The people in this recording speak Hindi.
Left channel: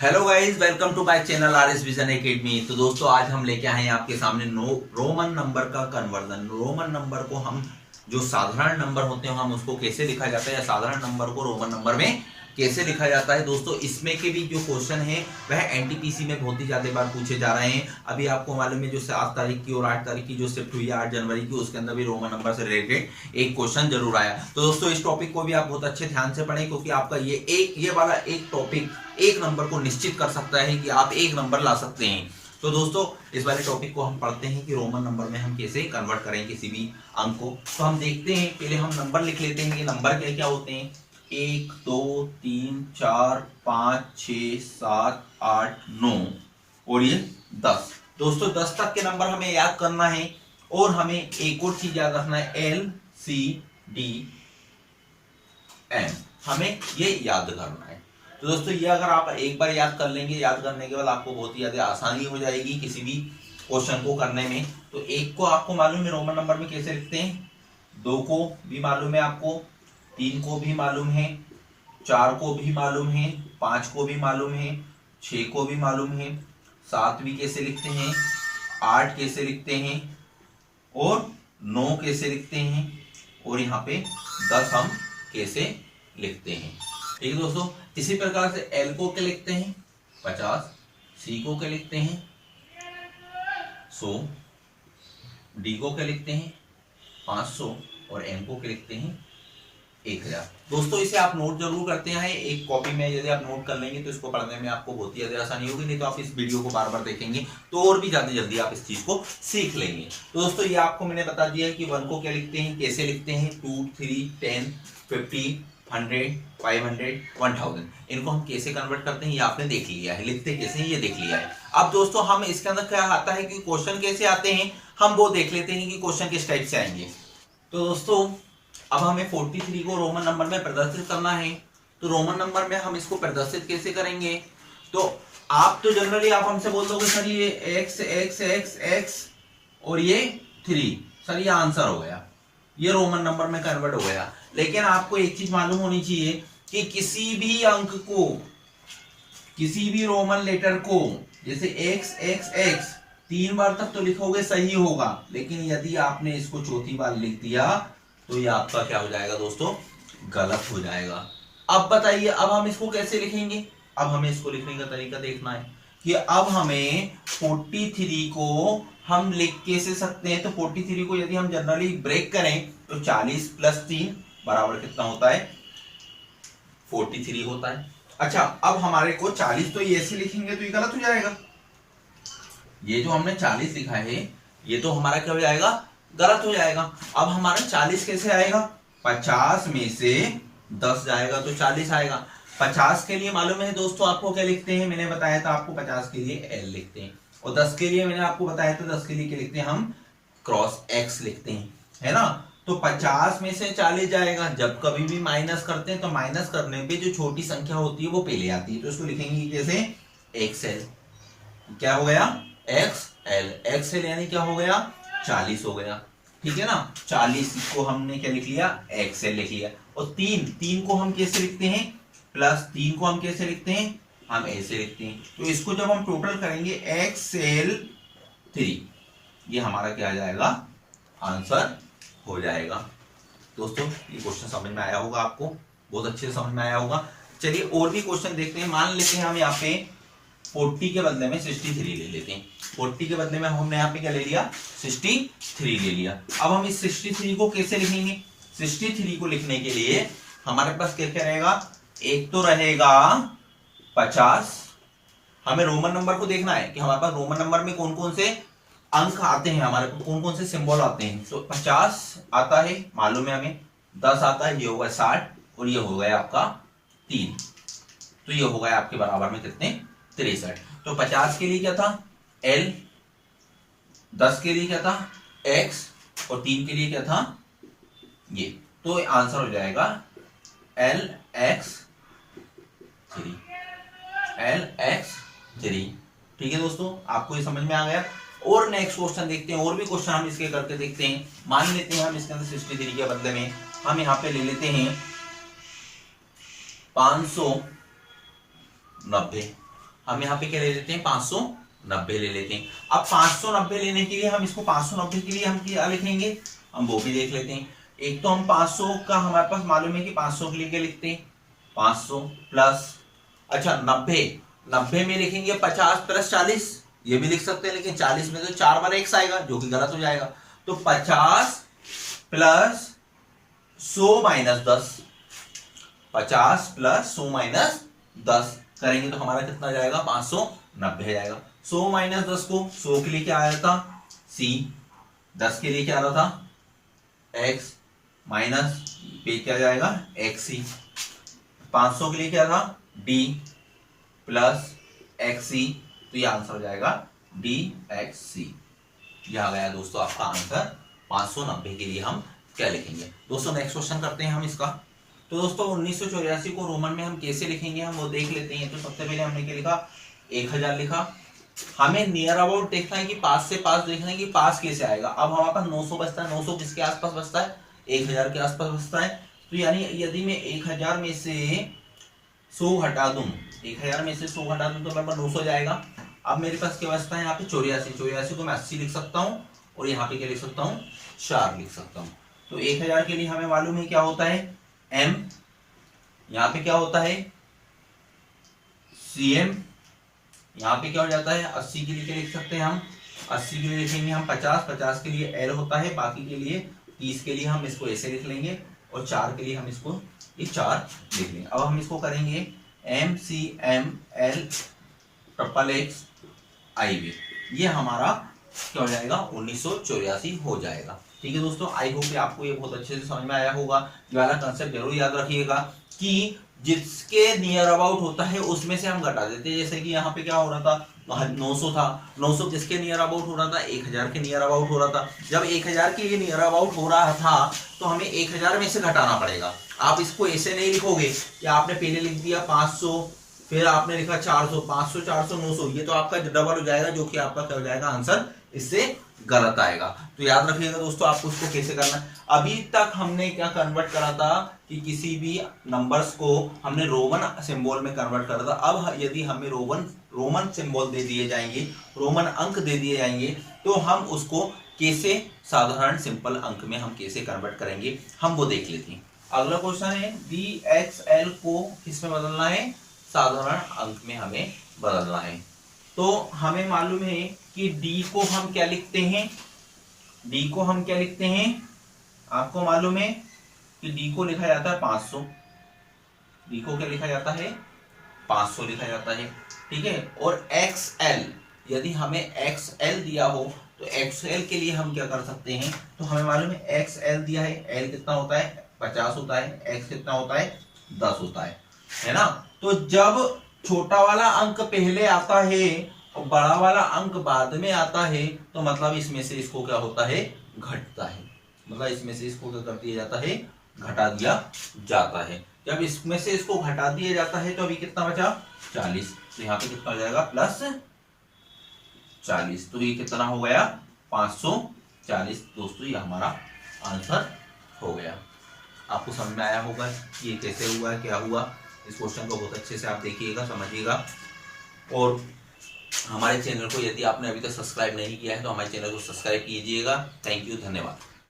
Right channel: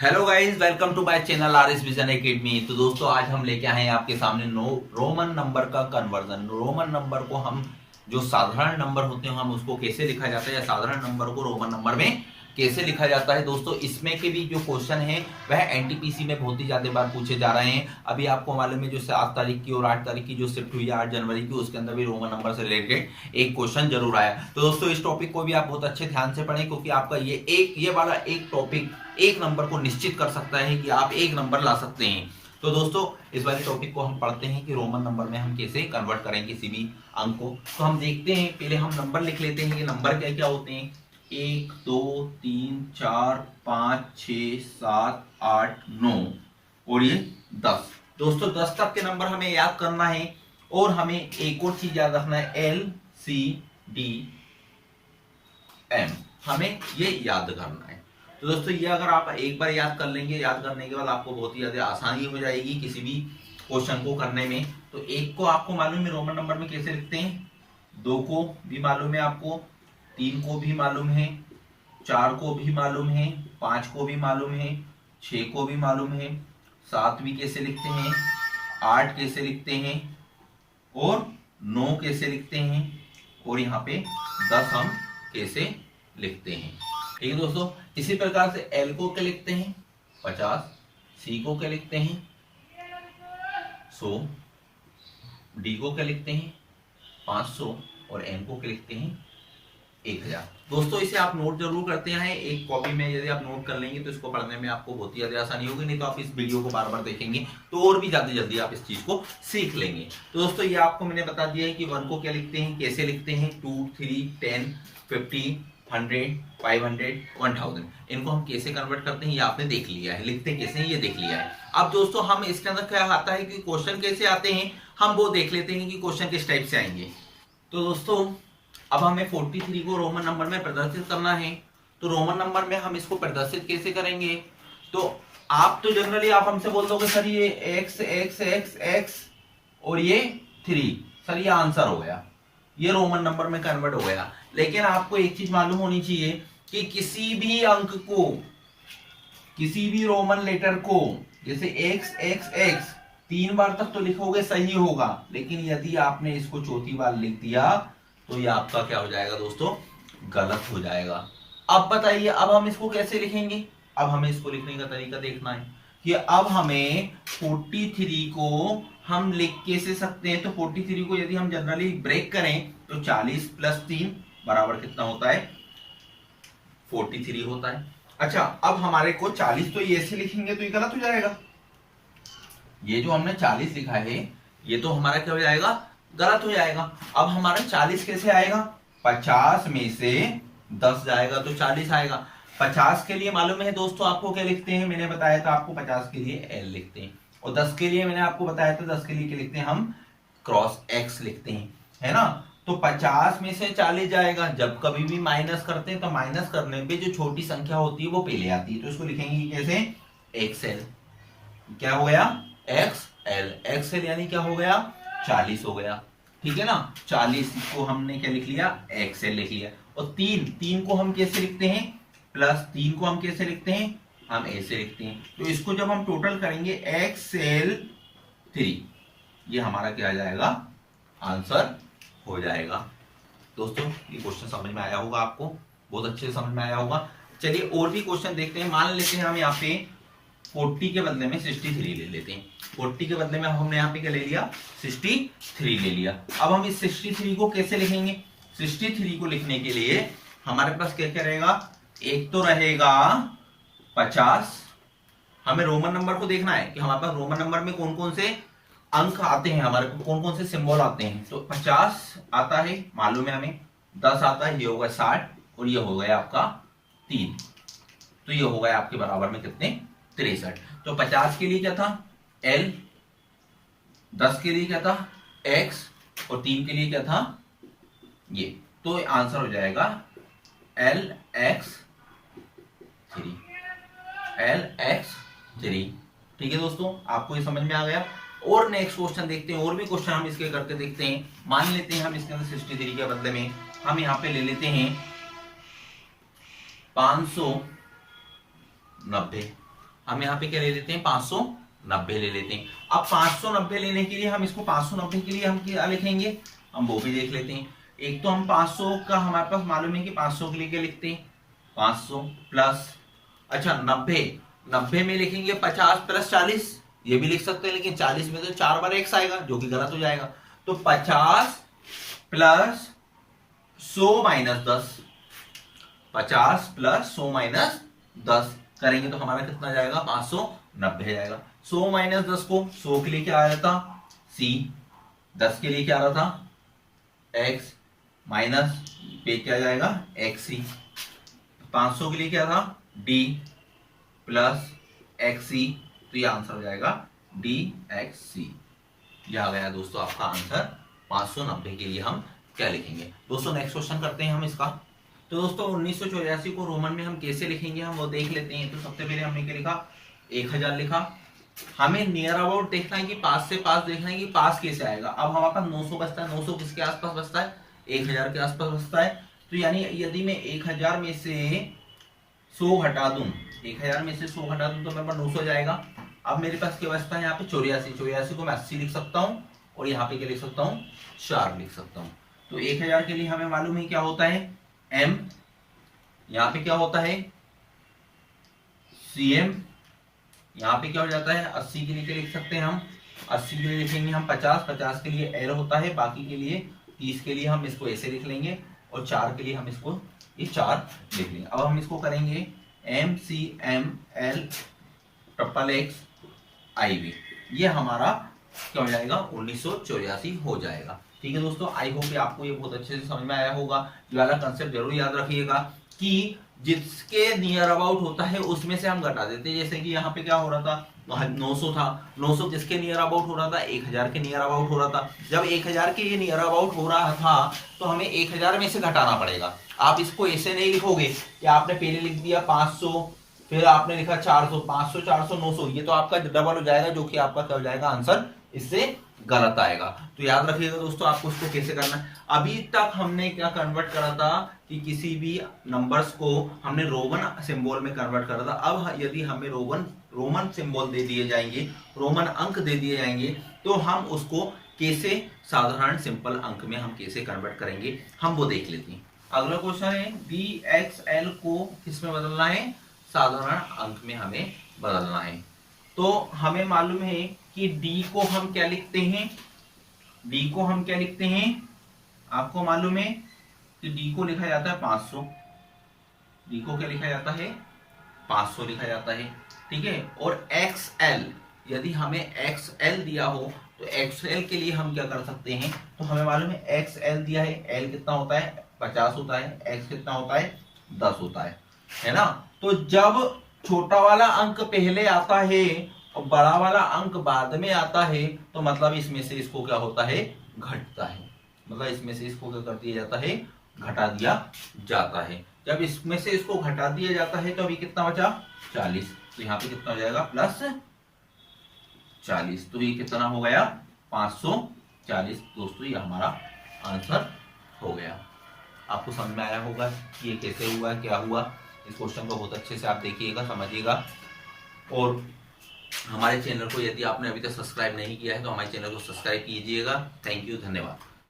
Hello guys, welcome to my channel R S vision academy. तो दोस्तों आज हम लेके आए हैं आपके सामने रोमन नंबर का कन्वर्जन। रोमन नंबर को हम जो साधारण नंबर होते हैं हम उसको कैसे लिखा जाता है या साधारण नंबर को रोमन नंबर में कैसे लिखा जाता है। दोस्तों इसमें के भी जो क्वेश्चन है वह एनटीपीसी में बहुत ही ज्यादा बार पूछे जा रहे हैं। अभी आपको मालूम है जो 7 तारीख की और 8 तारीख की जो शिफ्ट हुई है 8 जनवरी की, उसके अंदर भी रोमन नंबर से रिलेटेड एक क्वेश्चन जरूर आया। तो दोस्तों इस टॉपिक को भी आप बहुत अच्छे ध्यान से पढ़ें, क्योंकि आपका ये वाला एक टॉपिक एक नंबर को निश्चित कर सकता है कि आप एक नंबर ला सकते हैं। तो दोस्तों इस वाले टॉपिक को हम पढ़ते हैं कि रोमन नंबर में हम कैसे कन्वर्ट करें किसी भी अंक को। तो हम देखते हैं, पहले हम नंबर लिख लेते हैं कि नंबर क्या क्या होते हैं। 1 2 3 4 5 6 7 8 9 और ये 10। दोस्तों 10 तक के नंबर हमें याद करना है और हमें एक और चीज याद रखना है, LCDM हमें ये याद करना है। तो दोस्तों ये अगर आप एक बार याद कर लेंगे, याद करने के बाद आपको बहुत ही ज्यादा आसानी हो जाएगी किसी भी क्वेश्चन को करने में। तो 1 को आपको मालूम है रोमन नंबर में कैसे लिखते हैं, 2 को भी मालूम है आपको, 3 को भी मालूम है, 4 को भी मालूम है, 5 को भी मालूम है, 6 को भी मालूम है, 7 भी कैसे लिखते हैं, 8 कैसे लिखते हैं और 9 कैसे लिखते हैं और यहाँ पे 10 हम कैसे लिखते हैं। ठीक है दोस्तों, इसी प्रकार से L को क्या लिखते हैं 50, C को क्या लिखते हैं 100, D को क्या लिखते हैं 500 और N को क्या लिखते हैं 1000। दोस्तों इसे आप नोट जरूर करते हैं, एक कॉपी में यदि आप नोट कर लेंगे तो इसको पढ़ने में आपको बहुत ही ज्यादा आसानी होगी। नहीं तो आप इस वीडियो को बार बार देखेंगे तो और भी ज्यादा जल्दी आप इस चीज को सीख लेंगे। तो दोस्तों ये आपको मैंने बता दिया है कि 1 को क्या लिखते हैं, कैसे लिखते हैं, 2 3 10 50 100 500 1000 इनको हम कैसे कन्वर्ट करते हैं ये आपने देख लिया है, लिखते कैसे हैं ये देख लिया है। अब दोस्तों हम इसके अंदर क्या आता है कि क्वेश्चन कैसे आते हैं हम वो देख लेते हैं कि क्वेश्चन किस टाइप से आएंगे। तो दोस्तों अब हमें 43 को रोमन नंबर में प्रदर्शित करना है। तो रोमन नंबर में हम इसको प्रदर्शित कैसे करेंगे, तो आप तो जनरली आप हमसे बोल दोगे सर ये x x x x और ये 3, सर ये आंसर हो गया, ये रोमन नंबर में कन्वर्ट हो गया। लेकिन आपको एक चीज मालूम होनी चाहिए कि किसी भी अंक को, किसी भी रोमन लेटर को, जैसे x x x 3 बार तक तो लिखोगे सही होगा, लेकिन यदि आपने इसको चौथी बार लिख दिया तो ये आपका क्या हो जाएगा दोस्तों, गलत हो जाएगा। अब बताइए अब हम इसको कैसे लिखेंगे। अब हमें इसको लिखने का तरीका देखना है कि अब हमें 43 को हम लिख कैसे सकते हैं। तो 43 को यदि हम जनरली ब्रेक करें तो 40 + 3 बराबर कितना होता है 43 होता है। अच्छा अब हमारे को 40 तो ये ऐसे लिखेंगे तो ये गलत हो जाएगा, ये जो हमने 40 लिखा है ये तो हमारा क्या हो जाएगा, गलत हो जाएगा। अब हमारा 40 कैसे आएगा, 50 में से 10 जाएगा तो 40 आएगा। 50 के लिए मालूम है दोस्तों आपको क्या लिखते हैं, मैंने बताया था आपको 50 के लिए L लिखते हैं, और 10 के लिए मैंने आपको बताया था 10 के लिए क्या लिखते हैं, हम क्रॉस X लिखते हैं, है ना। तो 50 में से 40 जाएगा, जब कभी भी माइनस करते हैं तो माइनस करने पे जो छोटी संख्या होती है वो पहले आती है, तो इसको लिखेंगे कैसे, XL। क्या हो गया, XL, XL यानी क्या हो गया 40 हो गया, ठीक है ना। 40 को हमने क्या लिख लिया, XL लिख लिया। और 3 को हम कैसे लिखते हैं, +3 को हम कैसे लिखते हैं, हम ऐसे लिखते हैं। तो इसको जब हम टोटल करेंगे XL3, ये हमारा क्या आ जाएगा, आंसर हो जाएगा। दोस्तों ये क्वेश्चन समझ में आया होगा आपको, बहुत अच्छे से समझ में आया होगा। चलिए और भी क्वेश्चन देखते हैं। मान लेते हैं हम यहाँ पे 40 के बदले में 63 ले लेते हैं। 40 के बदले में हमने यहाँ पे क्या ले लिया, 63 ले लिया। अब हम इस 63 को कैसे लिखेंगे, 63 को लिखने के लिए हमारे पास क्या क्या रहेगा, एक तो रहेगा 50। हमें रोमन नंबर को देखना है कि हमारे पास रोमन नंबर में कौन कौन से अंक आते हैं, हमारे को कौन कौन से सिंबल आते हैं। तो 50 आता है मालूम है हमें, 10 आता है, ये होगा 60 और ये हो गया आपका 3, तो ये हो गया आपके बराबर में कितने, 63। तो 50 के लिए क्या था L, 10 के लिए क्या था X और 3 के लिए क्या था ये, तो आंसर हो जाएगा LX3, LX3। ठीक है दोस्तों, आपको ये समझ में आ गया। और नेक्स्ट क्वेश्चन देखते हैं, और भी क्वेश्चन हम इसके करके देखते हैं। मान लेते हैं हम इसके अंदर 63 के बदले में हम यहाँ पे ले लेते हैं 590। हम यहाँ पे क्या ले लेते हैं 590 ले लेते हैं। अब 590 लेने के लिए हम इसको 590 के लिए हम क्या लिखेंगे, हम वो भी देख लेते हैं। एक तो हम 500 का हमारे पास मालूम है कि 500 के लिए क्या लिखते हैं 500 प्लस, अच्छा 90 में लिखेंगे 50 प्लस 40, ये भी लिख सकते हैं, लेकिन 40 में तो 4 बार x आएगा जो कि गलत हो जाएगा। तो 50 प्लस 100 माइनस 10, 50 प्लस 100 माइनस 10 करेंगे तो हमारा कितना जाएगा 590 जाएगा। 100 माइनस 10 को 100 के लिए क्या आ रहा था c, 10 के लिए क्या आ रहा था x, माइनस पे क्या जाएगा xc, 500 के लिए क्या था d प्लस xc, तो ये आंसर हो जाएगा dxc। यह आ गया दोस्तों आपका आंसर 590 के लिए हम क्या लिखेंगे। दोस्तों नेक्स्ट क्वेश्चन करते हैं हम इसका। तो दोस्तों 1984 को रोमन में हम कैसे लिखेंगे हम वो देख लेते हैं। तो सबसे पहले हमने क्या लिखा 1000 लिखा। हमें नियर अबाउट देखना है कि पास से पास देखना है कि पास कैसे आएगा। अब हमारे पास 900 बचता है, 900 किसके आसपास बचता है 1000 के आसपास बचता है। तो यानी यदि मैं 1000 में से 100 हटा दूं, 1000 में से 100 हटा दूं तो मेरे पास 900 जाएगा। अब मेरे पास क्या बचता है यहाँ पे 84 को मैं 80 लिख सकता हूँ और यहाँ पे क्या लिख सकता हूँ 4 लिख सकता हूँ। तो 1000 के लिए हमें मालूम है क्या होता है m, यहाँ पे क्या होता है cm, यहाँ पे क्या हो जाता है 80 के लिए क्या लिख सकते हैं हम 80 के लिए लिखेंगे हम 50 के लिए l होता है, बाकी के लिए 30 के लिए हम इसको ऐसे लिख लेंगे और 4 के लिए हम इसको ये 4 लिख लेंगे। अब हम इसको करेंगे MCML ट्रिपल एक्स IV, ये हमारा क्या हो जाएगा 1984 हो जाएगा। ठीक है दोस्तों, आई होप आपको ये बहुत अच्छे से समझ में आया होगा। ये वाला कंसेप्ट जरूर याद रखिएगा कि जिसके नियर अबाउट होता है उसमें से हम घटा देते हैं। जैसे कि यहाँ पे क्या हो रहा था 900 था, 900 किसके नियर अबाउट हो रहा था 1000 के नियर अबाउट हो रहा था। जब 1000 के ये नियर अबाउट हो रहा था तो हमें 1000 में से घटाना पड़ेगा। आप इसको ऐसे नहीं लिखोगे कि आपने पहले लिख दिया 500 फिर आपने लिखा 400, 500 400 900, ये तो आपका डबल हो जाएगा जो कि आपका क्या हो जाएगा आंसर इससे गलत आएगा। तो याद रखिएगा दोस्तों आपको इसको कैसे करना है। अभी तक हमने क्या कन्वर्ट करा था कि किसी भी नंबर्स को हमने रोमन सिंबल में कन्वर्ट करा था। अब यदि हमें रोमन सिंबल दे दिए जाएंगे, रोमन अंक दे दिए जाएंगे तो हम उसको कैसे साधारण सिंपल अंक में हम कैसे कन्वर्ट करेंगे हम वो देख लेते हैं। अगला क्वेश्चन है DXL को किसमें बदलना है साधारण अंक में हमें बदलना है। तो हमें मालूम है कि D को हम क्या लिखते हैं, D को हम क्या लिखते हैं, आपको मालूम है कि D को लिखा जाता है 500, D को क्या लिखा जाता है 500 लिखा जाता है। ठीक है, और XL यदि हमें XL दिया हो तो XL के लिए हम क्या कर सकते हैं, तो हमें मालूम है XL दिया है, L कितना होता है 50 होता है, X कितना होता है 10 होता है ना। तो जब छोटा वाला अंक पहले आता है और बड़ा वाला अंक बाद में आता है तो मतलब इसमें से इसको क्या होता है घटता है, मतलब इसमें से इसको क्या कर दिया जाता है घटा दिया जाता है। जब इसमें से इसको घटा दिया जाता है तो अभी कितना बचा 40, तो यहाँ पे कितना हो जाएगा प्लस 40, तो ये कितना हो गया 540। दोस्तों ये हमारा आंसर हो गया। आपको समझ में आया होगा कि ये कैसे हुआ क्या हुआ। इस क्वेश्चन को बहुत अच्छे से आप देखिएगा समझिएगा। और हमारे चैनल को यदि आपने अभी तक सब्सक्राइब नहीं किया है तो हमारे चैनल को सब्सक्राइब कीजिएगा। थैंक यू, धन्यवाद।